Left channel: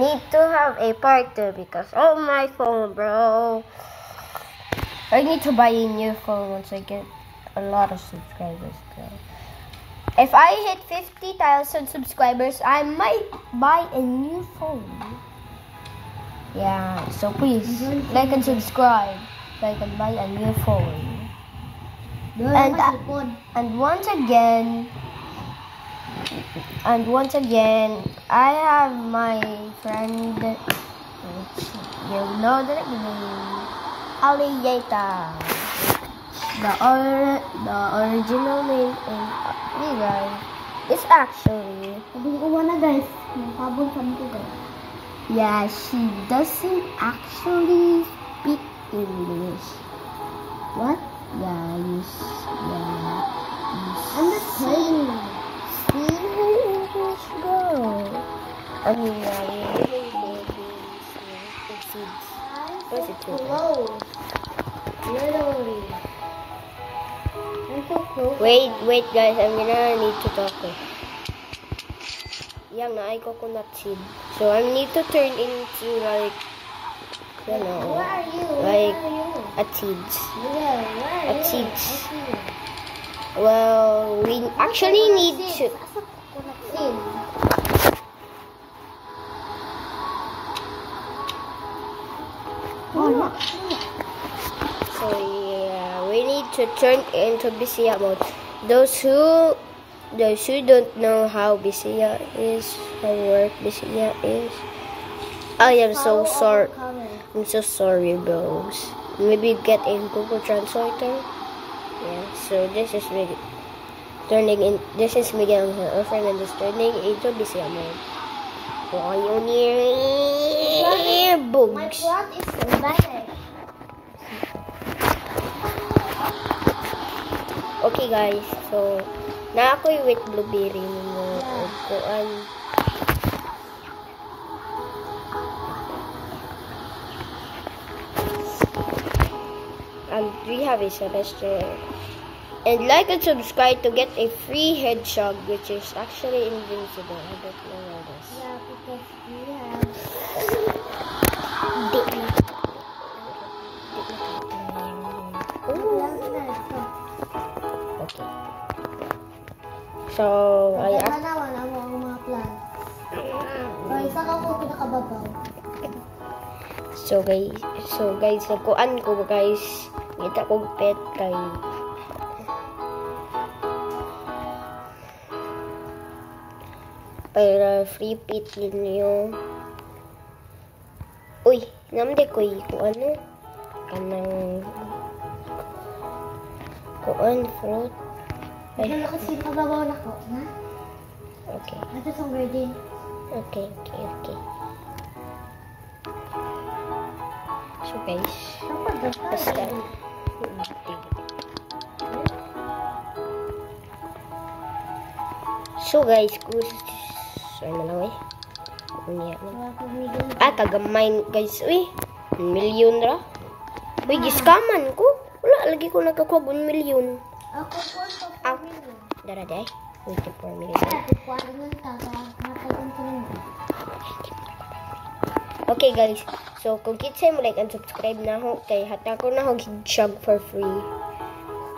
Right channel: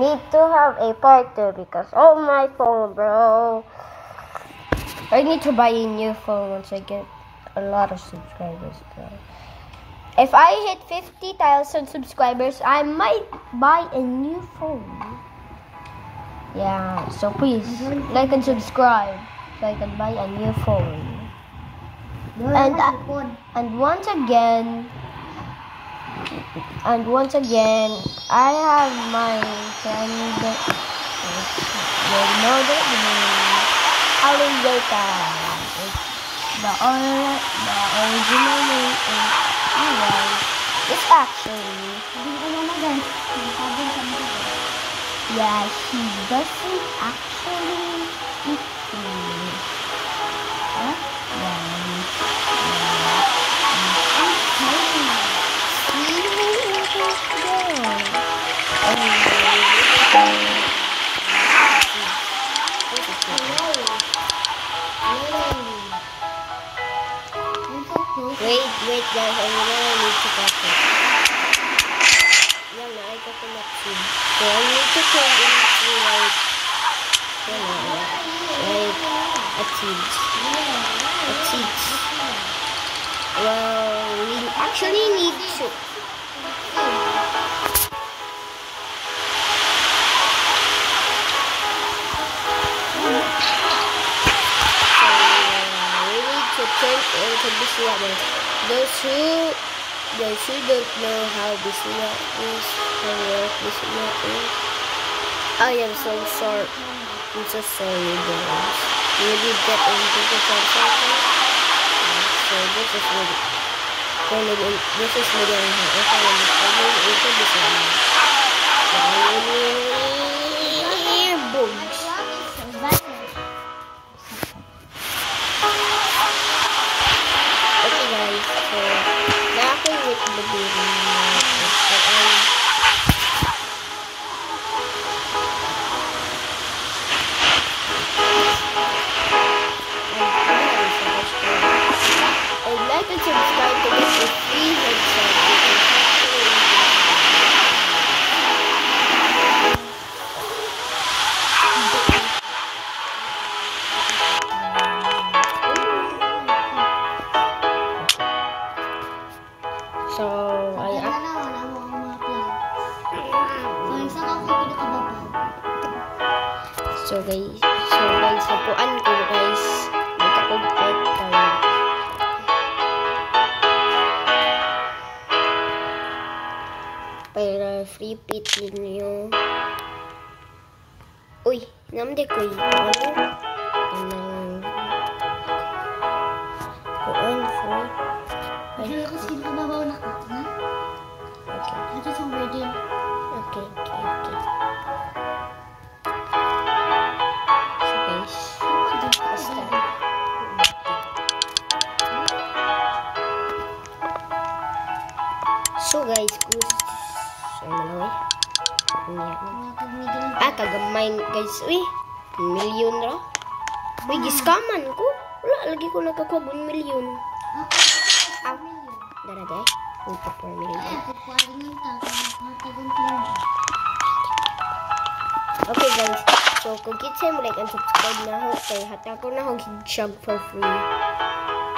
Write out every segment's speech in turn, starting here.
need to have a part 2 because oh my phone, bro. I need to buy a new phone once I get a lot of subscribers, guys. If I hit 50,000 subscribers, I might buy a new phone. Yeah, so please like and subscribe so I can buy a new phone. And once again, I have my friend, you know that name, Alligator. The original name is alright. It's actually, yeah, she doesn't actually speak English. Huh? Yeah. Wait guys, I'm gonna need to practice. Yan na, ay coconut seed. So I need to turn into like, like a seeds. Well, we actually need to. To turn into Bisaya, but those who don't know how Bisaya is, how work Bisaya is, I am so sorry. I'm so sorry, guys. Maybe get into the consultant. Yeah, so this is really turning in. This is Miguel and her. If I am turning into Bisaya, so I am bugs. Okay guys, so na ako yung with blueberry so and we have a suggestion and like and subscribe to get a free headshot which is actually invincible. So, So guys, napuan ko guys. May kakugpet kayo. Para free pit ninyo. Uy, namde ko yung kuan food. Ay, kasi nakababaw na ko, ha? Okay. Ito sa virgin. Okay. So guys, basta. So guys, kagamay guys, uy, 1 million ra. Uy, giskaman ko. Wala, lagi ko nagkakuha 1 million. Ow. Daraday. 4 million. Okay guys, so kung kitsa mo like and subscribe na ho, kay hata ko na ho gidshag for free.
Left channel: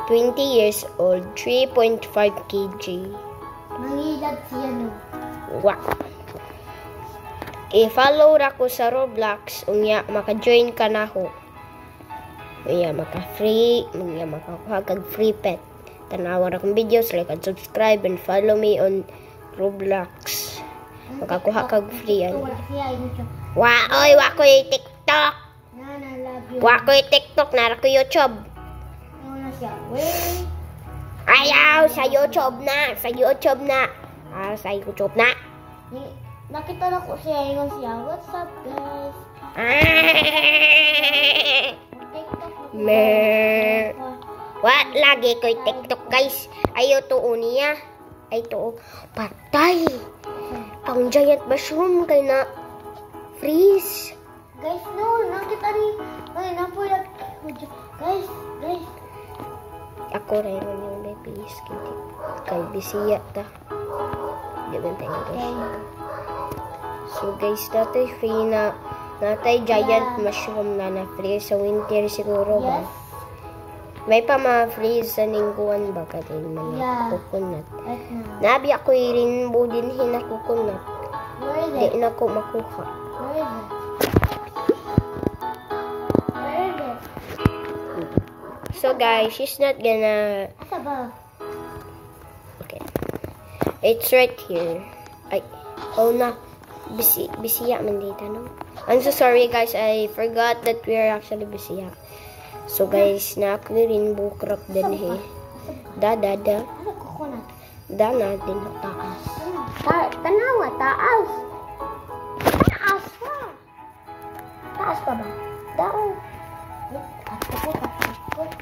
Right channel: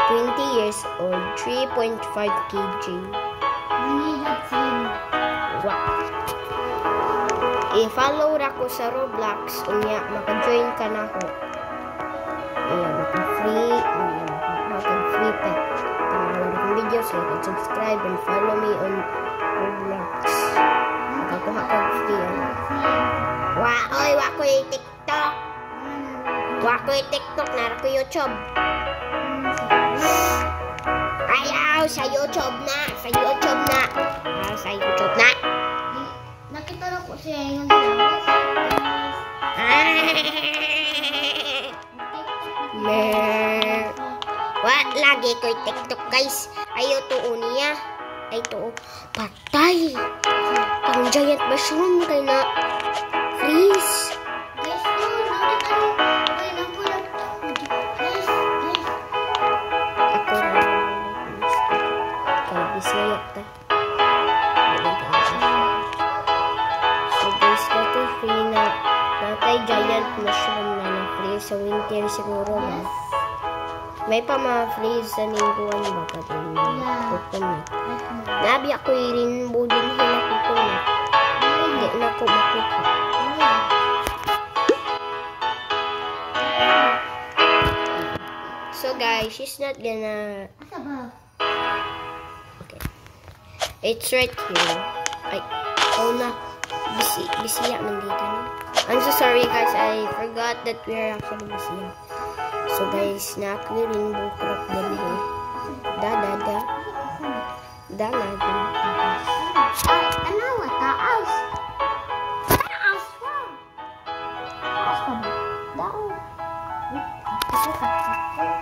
20 years old, 3.5 kg. Wow. I-follow ra ko sa Roblox, unya maka-join ka na ho. Unya maka-free, unya maka-free pet. Tanawa akong videos, like and subscribe and follow me on Roblox. Makakuha kag free ano. Oy, wa ko yung TikTok. Wa ko yung TikTok, nara ko YouTube. Ayaw, sa YouTube na. Sa YouTube na. Nakita na ko siya yung flowers. What? Lagi ko yung TikTok, guys. Ayaw to niya. Ay to. Patay. Ang giant mushroom kay na freeze. Guys, no. Nakita niyo. Ay, napulat. Guys. Ako na naman, please. Kay Bisaya ta. So guys, natay free na natay giant mushroom na free sa winter siguro ba? Yes. May pa ma-free sa lingguan ba ka din Yeah. coconut. Ito na. Nabi ako rainbow din hina coconut. Di na ko makuha. So guys, she's not gonna... Asa ba? Okay. It's right here. Ay, oh na. Bisiya man dito, no? I'm so sorry guys, I forgot that we are actually bisiya. So guys, na-clear rainbow crop din eh. Da. Asa ko? Da na din. Tanawa, taas. Taas pa. Taas pa ba? Daon.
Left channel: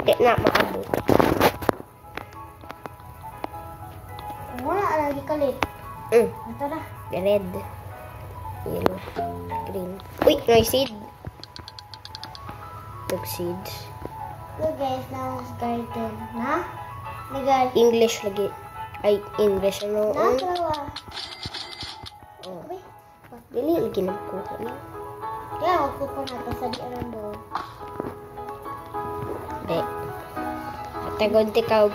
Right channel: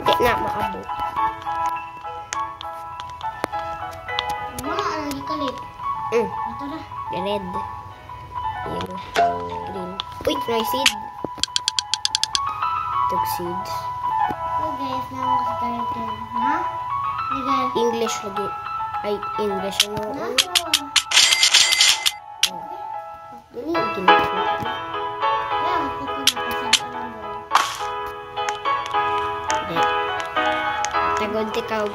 Di na maabot. Wala lagi kalit. Ito na. Red. Yellow. Green. Uy, may seed. Tug seeds. So guys, now is garden. Na? Legal. English lagi. Ay, English. Ano? Nasa. Oh. Dili, ginagawa. Yeah, ako ko na kasali alam mo. Hindi. Tagod ikaw.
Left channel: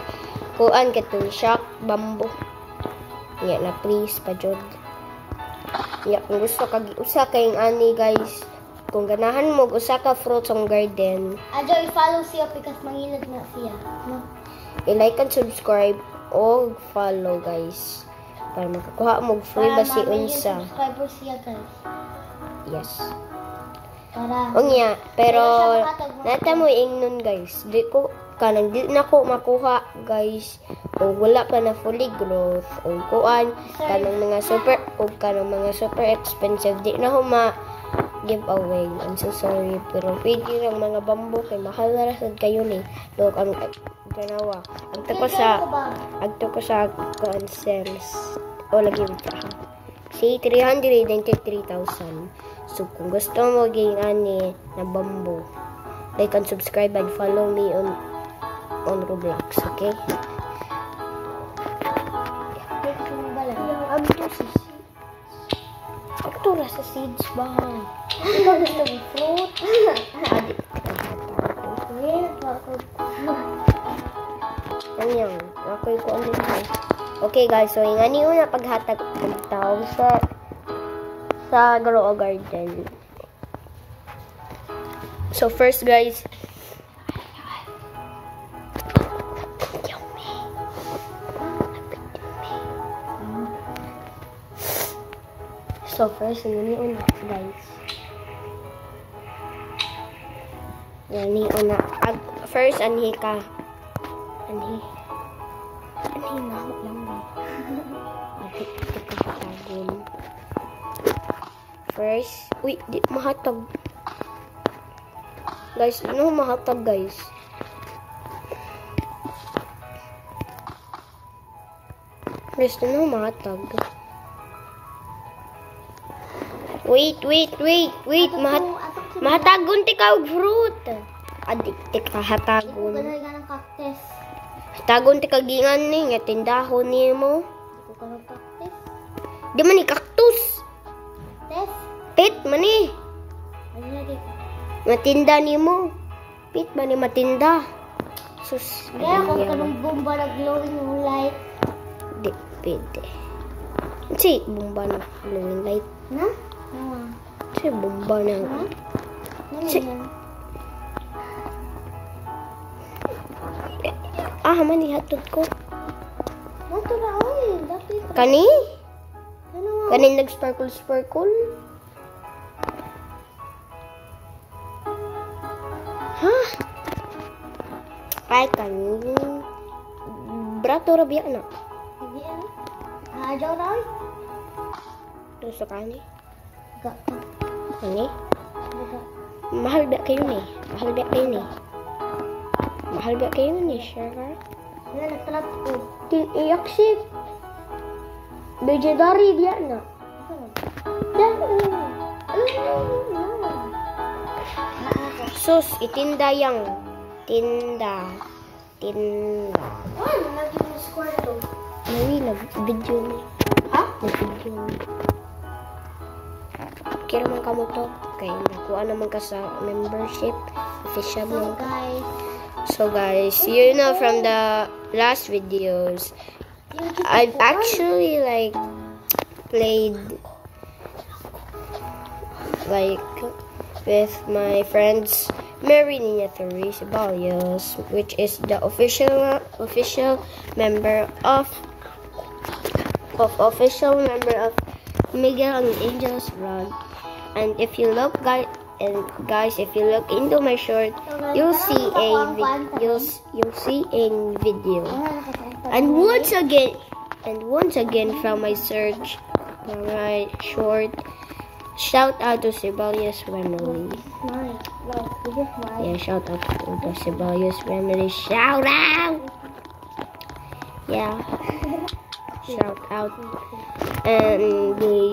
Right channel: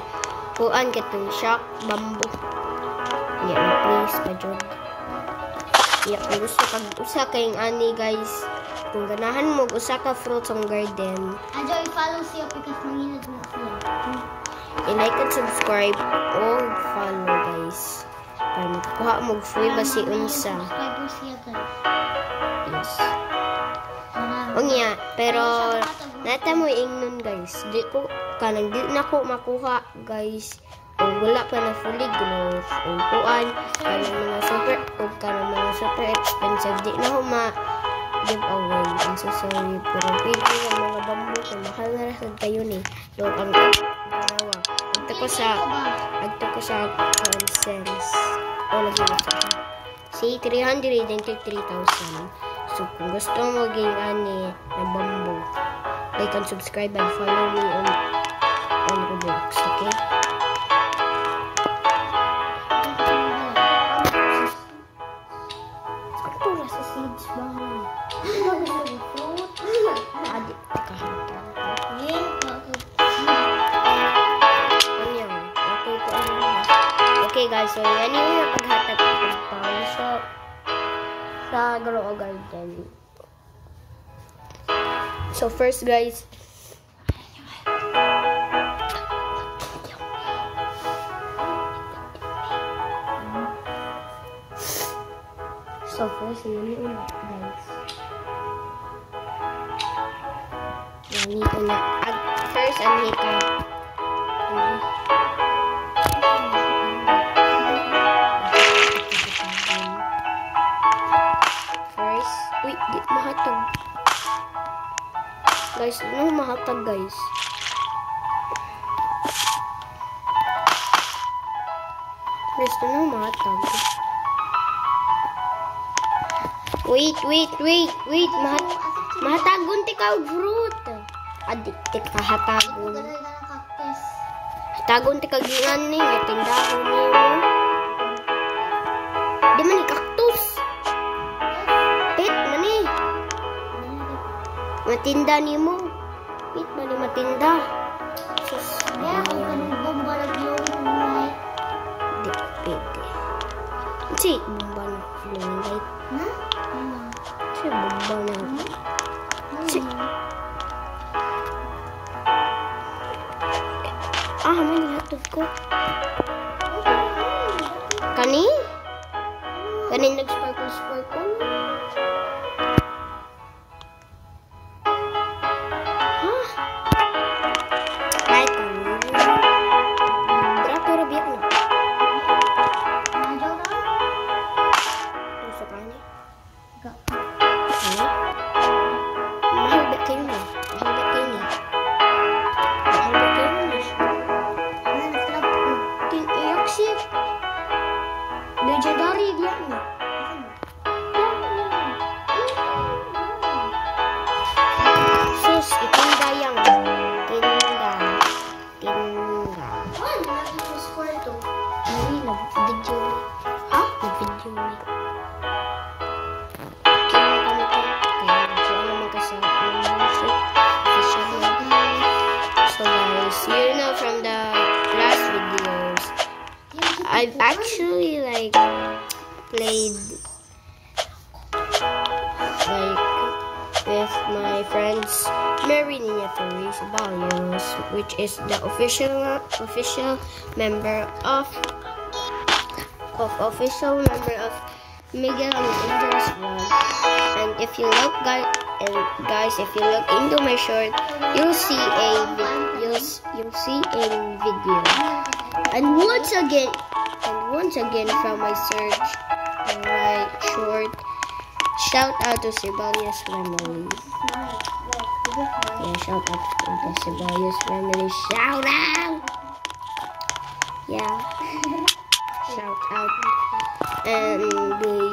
Kuan katong shock, bamboo. Iya na please, pajog. Iya, kung gusto kag usa kayong ani guys. Kung ganahan mo usa ka fruits ang garden, Adyo, i-follow siya because mangilad mo siya. i-like and subscribe o follow guys. Para makakuha mo free ba si unsa. Subscriber siya guys. Yes. Para. O niya, pero nata mo ingnon guys. Di ko kanang di na ko makuha guys. O wala pa na fully growth. O kuan kanang mga super expensive. Di na ko ma giveaway. I'm so sorry. Pero pwede ang mga bamboo kay mahal na rasad kayo ni. Look ang ganawa. Agto ko sa cents. O lagi ito. Si 393,000. So, kung gusto mo maging ani na bamboo, like and subscribe and follow me on Roblox, okay? Ako ra sa seeds ba? Ano gusto mo? Fruit? Adi, kahata. Ngayon pa ako. Ano okay ko ano na. Okay guys, so yan yung napaghatag ng tao sa grow garden. So first guys, ini una guys. Ini una. First anhi ka. First, uy, di mahatag. Guys, ano mahatag guys? Guys, ano mahatag? Wait. Mahatagon ti ka og fruit. Adik ti ka hatagon. Ganun nga ng cactus. Hatagon ti ka gingan ni nga tindahon nimo. Di man ni cactus. Yes. Pit man ni. Ano na din? Matinda nimo. Pit man ni matinda. Sus, Kaya kung ayan. kanong bomba na glowing light. Di pwede. Si bomba na glowing light. Na? Si bomba na. Si mani hatod ko. Kani? Kani nag-sparkle. Hah? Kahit kani. Brato rabi ano? Nadyaw na? Ito sa kani. Ga- Ano? Mahal ba kayo ni? Mahal ba kayo ni? Wala na sila po. Iyak si. Bejadari dia na. Sus, itinda yang. Tinda. Wala na yung square to. May nag-video ni. Ha? Nag-video ni. man ka sa membership. Official member. So guys, you know from the last videos, I've actually like played like with my friends Mary Nina Therese Balios, which is the official member of Miguel and Angel's vlog. And if you look guys, if you look into my short, you'll see a video. And once again from my search, right short, shout out to Sibalius family. Yeah, shout out to the Sibalius family. Shout out. Yeah. Shout out. And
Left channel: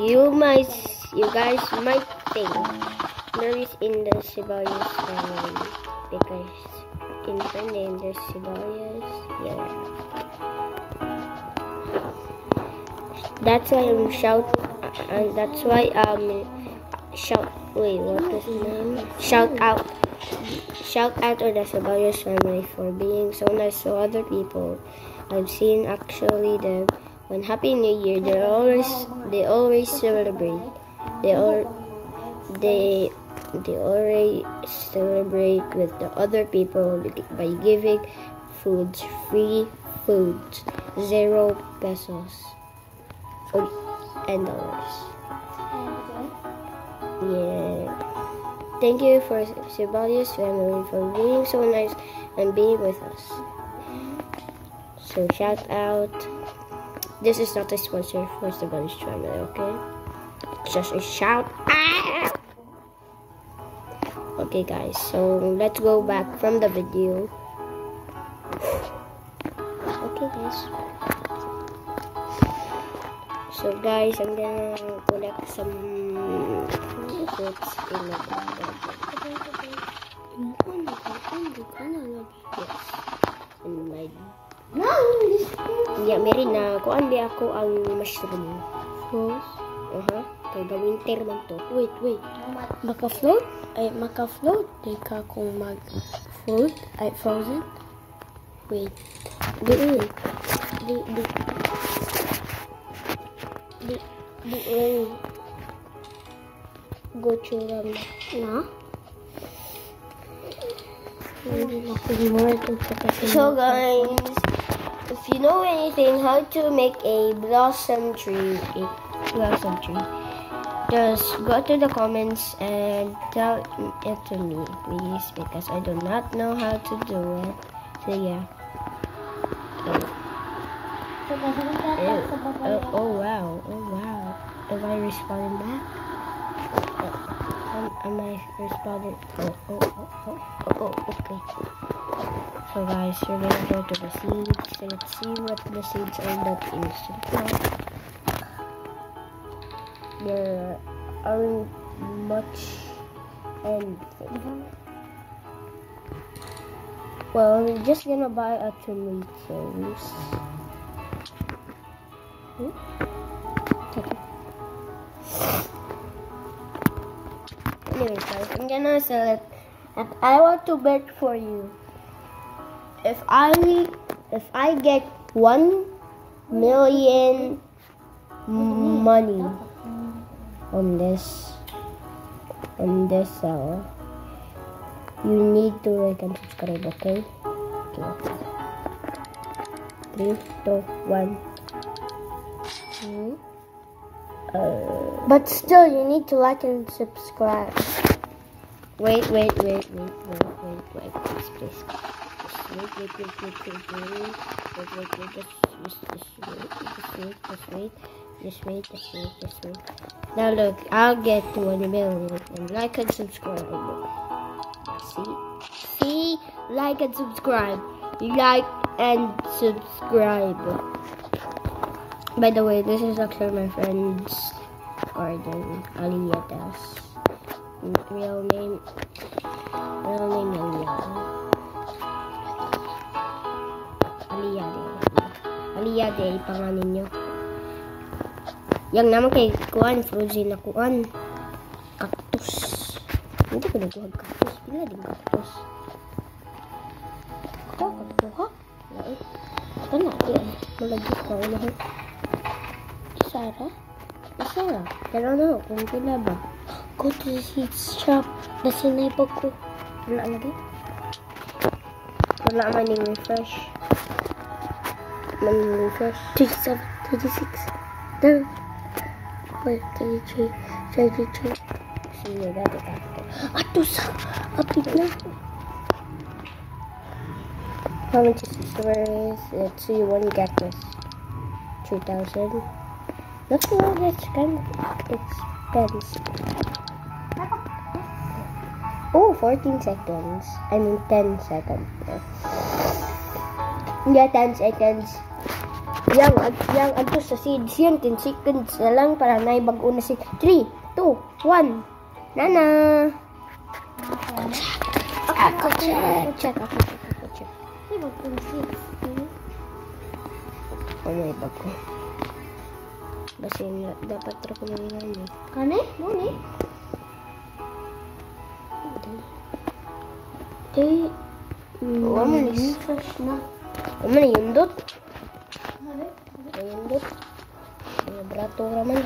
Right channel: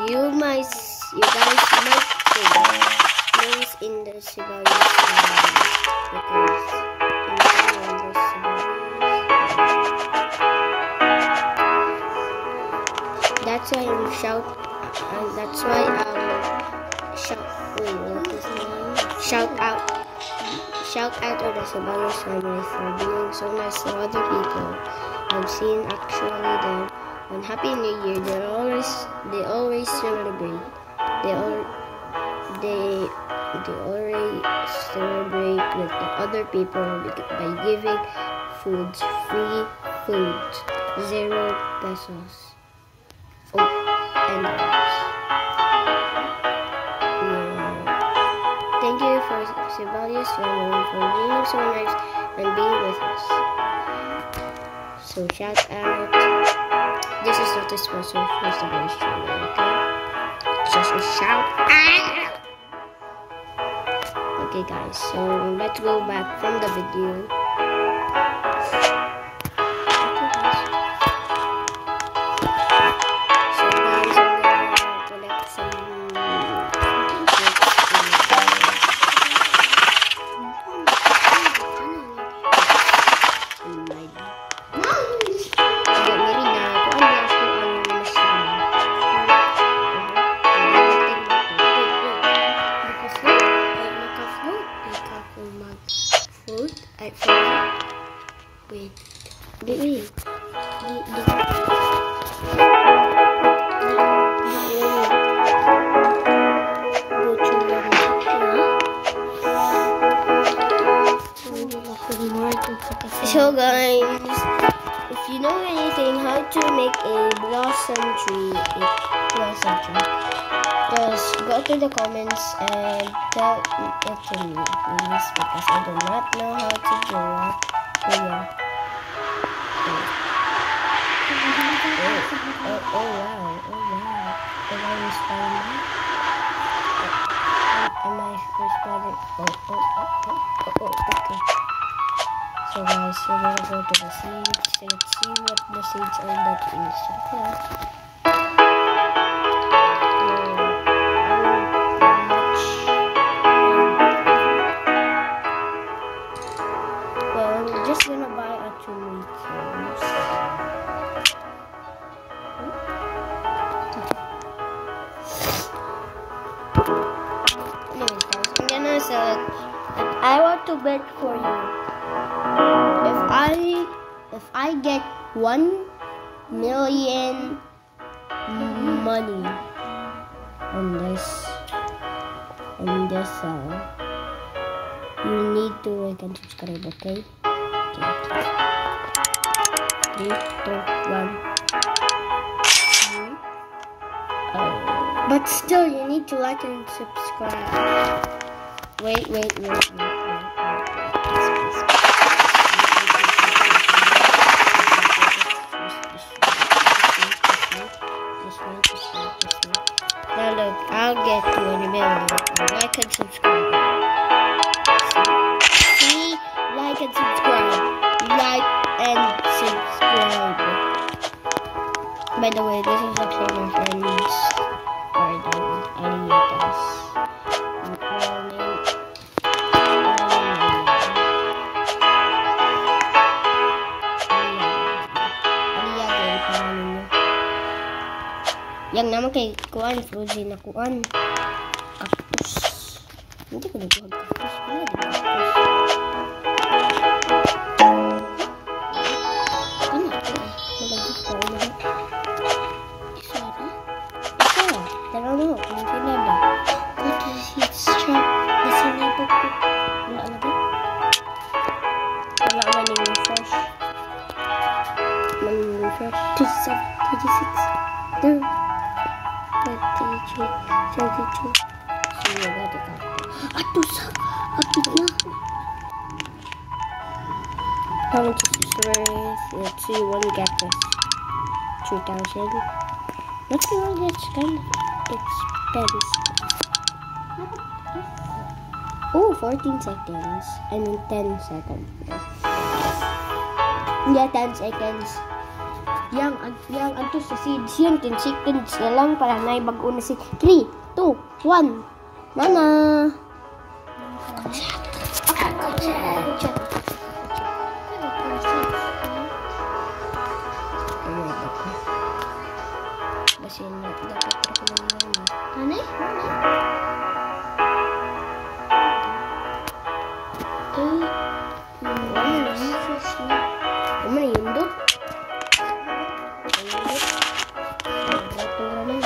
you guys might think there is in the Sibalius family because in the Sibalius. That's why shout out to the Sibalius family for being so nice to other people. I've seen actually them on Happy New Year. They always celebrate. They always celebrate with the other people by giving free food, 0 pesos. Oh, and dollars. Yeah. Thank you for Sibalius family for being so nice and being with us. So shout out. This is not a sponsor for Sibalius family, okay? It's just a shout out. Okay guys, so let's go back from the video. Okay guys. So guys, I'm gonna collect some Naka-float. Di ka kung mag-float. Ay, frozen. Wait. Di. So guys, if you know anything how to make a blossom tree, just go to the comments and tell it to me, please, because I do not know how to do it. So yeah. Oh wow. Am I responding? Am I responding? Oh, okay. So guys, we're gonna go to the seeds. Let's see what the seeds are that instant plant. Well, we're just gonna buy a tomatoes. Okay. Anyway, guys, I'm gonna sell it. And I want to bet for you. If I get 1 million money on this sell, you need to like and subscribe, okay? 3, 2, 1. But still, you need to like and subscribe. Wait. Now look, I'll get to 1 million. Like and subscribe. See? Like and subscribe. Like and subscribe. By the way, this is actually my friend's garden, Aliatas. Real name. Aliaga, yung pangalan niya. Yang naman kay kuan, frozen na kuan. Cactus. Hindi ko nagbuhag cactus. Wala din cactus. Ano ako? Malagis ka ulit. Isara? Isara? Tara na kung sila ba? Go to the seed shop. Nasinipag ko. Wala na ba? Wala man yung refresh. Man yung refresh. 37, 36. Done. 33, 32. Sige, gado ka. Ato sa apit na. How much is this worth? Let's see, one cactus. 2,000. What's wrong? It's kind of expensive. Oh, 14 seconds. I mean 10 seconds. Yeah, 10 seconds. Yang ano sa seeds yun, 10 seconds na lang para naibag-o na si 3, 2, 1. Nana! Ako check. Ano ibag ko? Basta na, dapat ako na yan eh. Ano? Ano na yundot? Brato naman.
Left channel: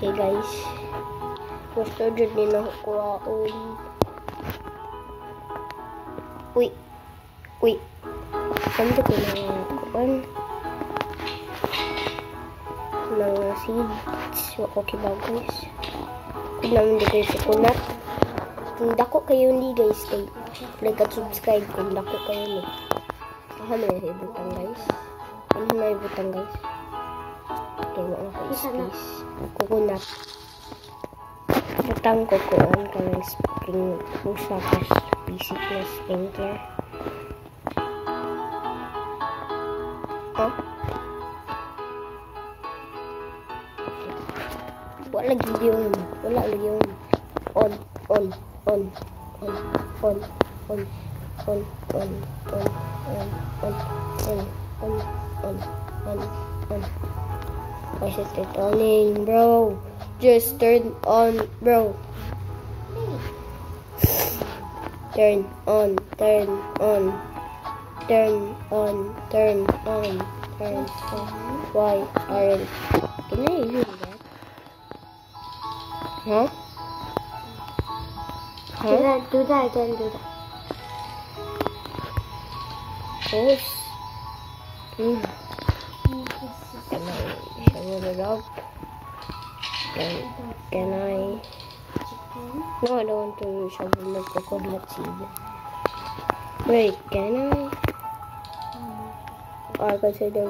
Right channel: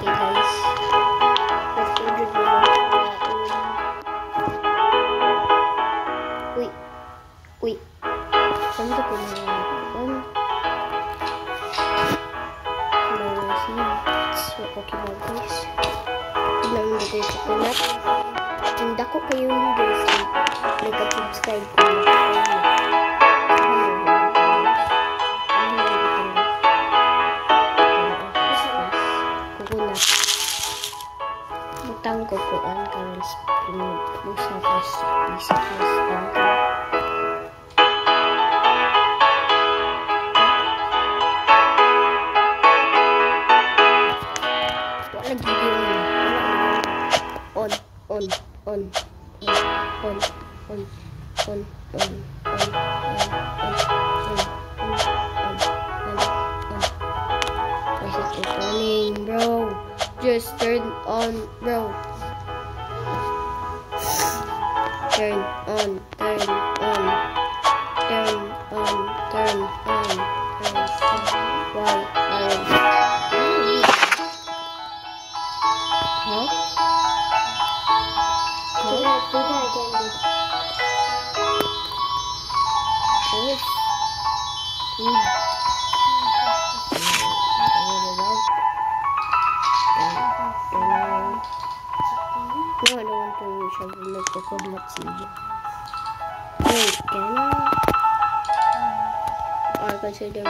Okay guys. Gusto dyan din ako. Uy. Saan ko pinagawa? Mga seeds. Okay ba guys? Tignan mo dito sa kunat. Kung dako kayo ni guys, like at subscribe kung dako kayo ni. Ano guys? Kukunat. Butang kukuan ka ng spring. Busa pas isip na spring ka. Wala yun. On. Why is it turning, bro? Just turn on, bro. Turn on. Why aren't you? Huh? Do that again. Yes. Can I? No, I don't want to shovel the coconut seed. Wait, can I? Or consider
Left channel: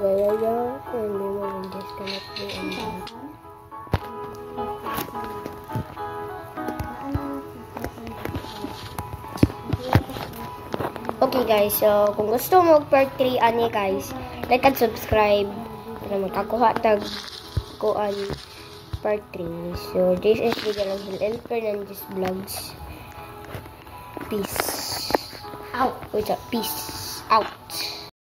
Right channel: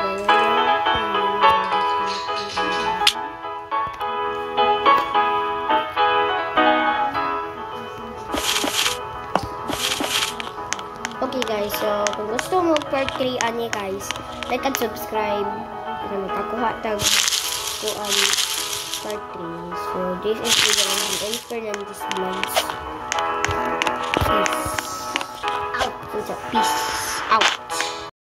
Okay guys, so kung gusto mo part 3 ani guys, like and subscribe para makakuha tag kuan part 3. So this is the L. Fernandez Vlogs. Peace out. Peace out.